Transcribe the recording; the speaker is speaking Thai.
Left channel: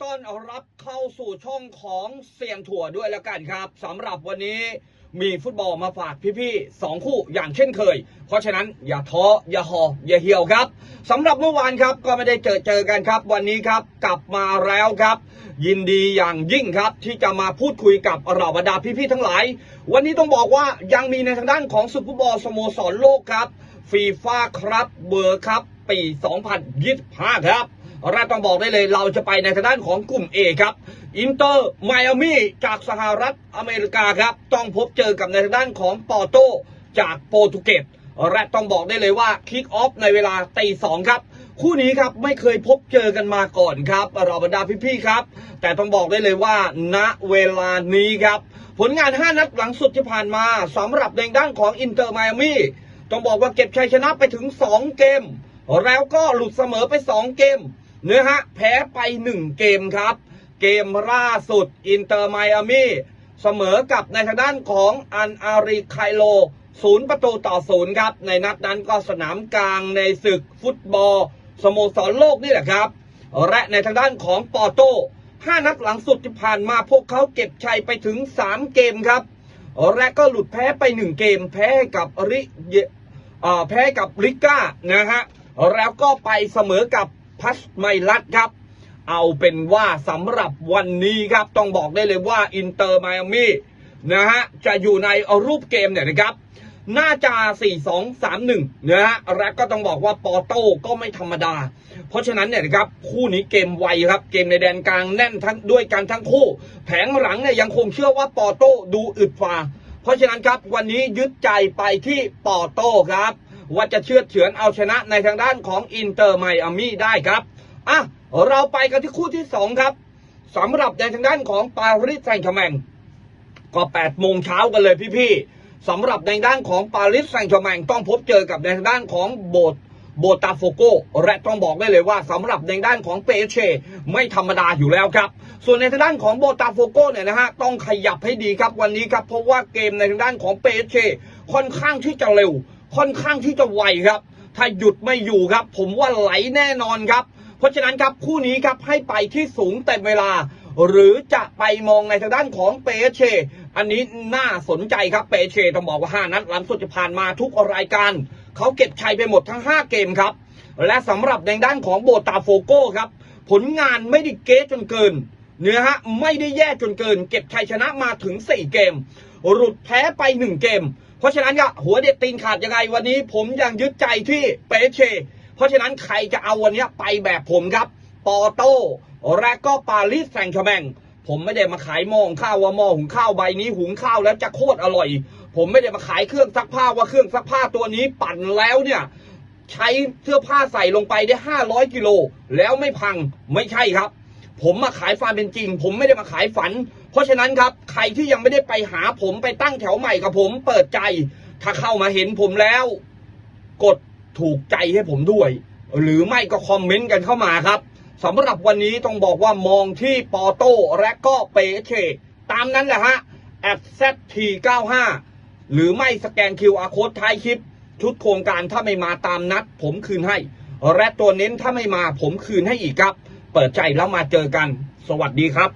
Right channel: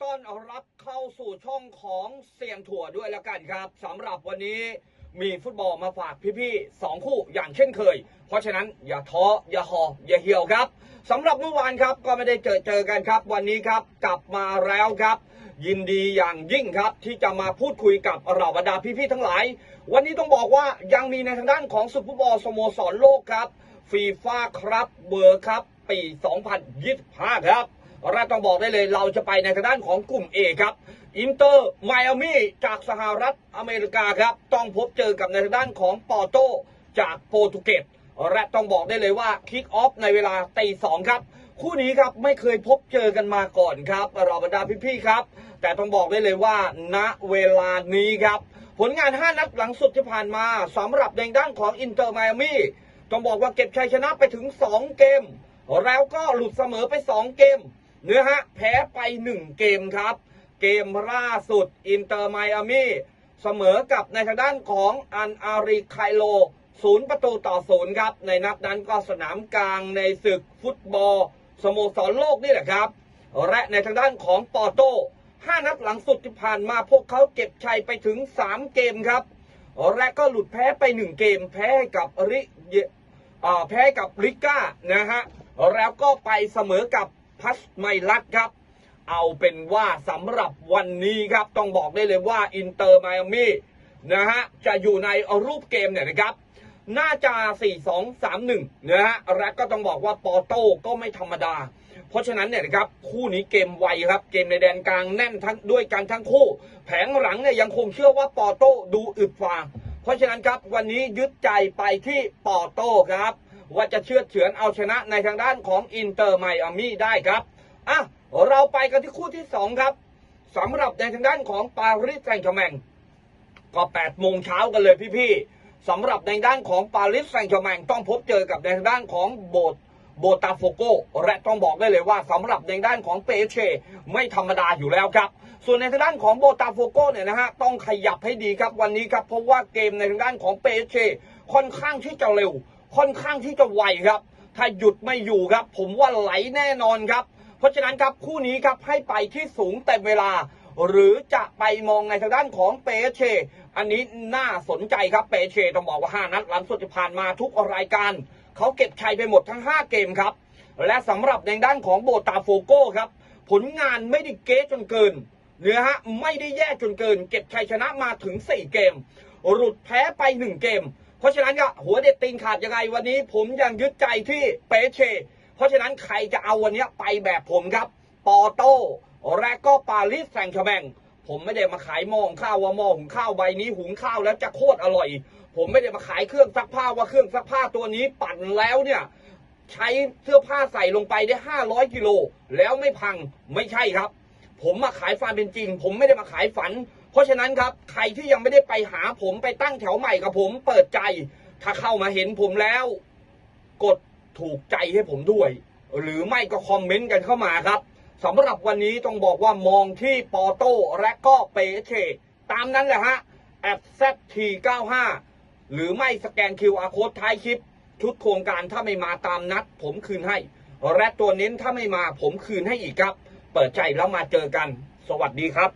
ต้อนรับเข้าสู่ช่องของเซียนถั่วด้วยแล้วกันครับสำหรับวันนี้มีฟุตบอลมาฝากพี่ๆสองคู่อย่างเช่นเคย เพราะฉะนั้นอย่าท้ออย่าหออย่าเหี่ยวครับสำหรับเมื่อวานครับก็ไม่ได้เจอเจอกันครับ วันนี้ครับกลับมาแล้วครับ ยินดีอย่างยิ่งครับที่จะมาพูดคุยกับเราบรรดาพี่ๆทั้งหลาย วันนี้ต้องบอกว่ายังมีในทางด้านของซุปเปอร์บอลสโมสรโลกครับฟีฟ่าครับเบอร์ครับปี 2025 ครับ แรกต้องบอกได้เลยเราจะไปในทางด้านของกลุ่ม A ครับอินเตอร์ไมอามี่จากสหรัฐอเมริกาครับต้องพบเจอกับในทางด้านของปอร์โตจากโปรตุเกสและต้องบอกได้เลยว่าคิกออฟในเวลาตีสองครับ คู่นี้ครับไม่เคยพบเจอกันมาก่อนครับเราบรรดาพี่ๆครับ แต่ต้องบอกได้เลยว่าณเวลานี้ครับ ผลงาน 5 นัดหลังสุดที่ผ่านมาสำหรับในด้านของอินเตอร์ไมอามี่ต้องบอกว่าเก็บชัยชนะไปถึง 2 เกม แล้วก็หลุดเสมอไป 2 เกม นื้อฮะแพ้ไป 1 เกมครับ เกมล่าสุดอินเตอร์ไมอามี่เสมอกับในทางด้านของอันอาริไคโลศูนย์ประตูต่อศูนย์ครับ ในนัดนั้นก็สนามกลางในศึกฟุตบอลสโมสรโลกนี่แหละครับ และในทางด้านของปอร์โตห้านัดหลังสุดที่ผ่านมาพวกเขาเก็บชัยไปถึง 3 เกมครับ และก็หลุดแพ้ไป 1 เกม แพ้ให้กับริเยเอ่อแพ้กับริก้านะฮะแล้วก็ไปเสมอกับ พัชไมลัดครับ เอาเป็นว่าสำหรับวันนี้ครับ ต้องบอกได้เลยว่าอินเตอร์ไมอามี่นะฮะจะอยู่ในรูปเกมเนี่ยนะครับน่าจะ 4 2 3 1 นะฮะ และก็ต้องบอกว่าปอโต้ก็ไม่ธรรมดา เพราะฉะนั้นเนี่ยนะครับ คู่นี้เกมไวครับ เกมในแดนกลางแน่นทั้งด้วยกันทั้งคู่ แผงหลังเนี่ยยังคงเชื่อว่าปอโต้ดูอึดฟ้าเพราะฉะนั้นครับวันนี้ยึดใจไปที่ปอโต้ครับ ว่าจะเชือดเฉือนเอาชนะในทางด้านของอินเตอร์ไมอามี่ได้ครับอะเราไปกันที่คู่ที่สองครับสำหรับในทางด้านของปารีสแซงต์แชมงก็8โมงเช้ากันเลยพี่ๆสำหรับในด้านของปารีสแซงต์แชมงต้องพบเจอกับในทางด้านของโบสโบตาโฟโกและต้องบอกได้เลยว่าสำหรับในด้านของเปเชไม่ธรรมดาอยู่แล้วครับ ส่วนในทางด้านของโบตาโฟโกเนี่ยนะฮะต้องขยับให้ดีครับวันนี้ครับเพราะว่าเกมในทางด้านของเปเชค่อนข้างที่จะเร็ว ค่อนข้างที่จะไวครับ ถ้าหยุดไม่อยู่ครับ ผมว่าไหลแน่นอนครับ เพราะฉะนั้นครับคู่นี้ครับให้ไปที่สูงเต็มเวลา หรือจะไปมองในทางด้านของเปเช อันนี้น่าสนใจครับเปเชต้องบอกว่า 5 นัดหลังสุดที่ผ่านมาทุกรายการ เขาเก็บชัยไปหมดทั้ง 5 เกมครับ และสำหรับในด้านของโบตาโฟโก้ครับ ผลงานไม่ได้เก๊จนเกินเนื้อฮะไม่ได้แย่จนเกิน เก็บชัยชนะมาถึง 4 เกม หลุดแพ้ไป 1 เกม เพราะฉะนั้นก็หัวเด็ดตีนขาดยังไงวันนี้ ผมยังยึดใจที่เปเช เพราะฉะนั้นใครจะเอาวันนี้ไปแบบผมครับ ปอโต้และก็ปารีสแซงต์แชร์แมงผมไม่ได้มาขายหม้อหุงข้าวว่าหม้อหุงข้าวใบนี้หุงข้าวแล้วจะโคตรอร่อย ผมไม่ได้มาขายเครื่องซักผ้าว่าเครื่องซักผ้าตัวนี้ปั่นแล้วเนี่ยใช้เสื้อผ้าใส่ลงไปได้ 500 กิโลแล้วไม่พังไม่ใช่ครับ ผมมาขายความเป็นจริง ผมไม่ได้มาขายฝัน เพราะฉะนั้นครับ ใครที่ยังไม่ได้ไปหาผมไปตั้งแถวใหม่กับผมเปิดใจ ถ้าเข้ามาเห็นผมแล้ว กดถูกใจให้ผมด้วย หรือไม่ก็คอมเมนต์กันเข้ามาครับสำหรับวันนี้ต้องบอกว่ามองที่ปอโต้และก็เปเชตามนั้นแหละฮะ at zt95 หรือไม่สแกน QR code ท้ายคลิป ชุดโครงการถ้าไม่มาตามนัด ผมคืนให้ และตัวเน้นถ้าไม่มาผมคืนให้อีกครับ เปิดใจแล้วมาเจอกัน สวัสดีครับ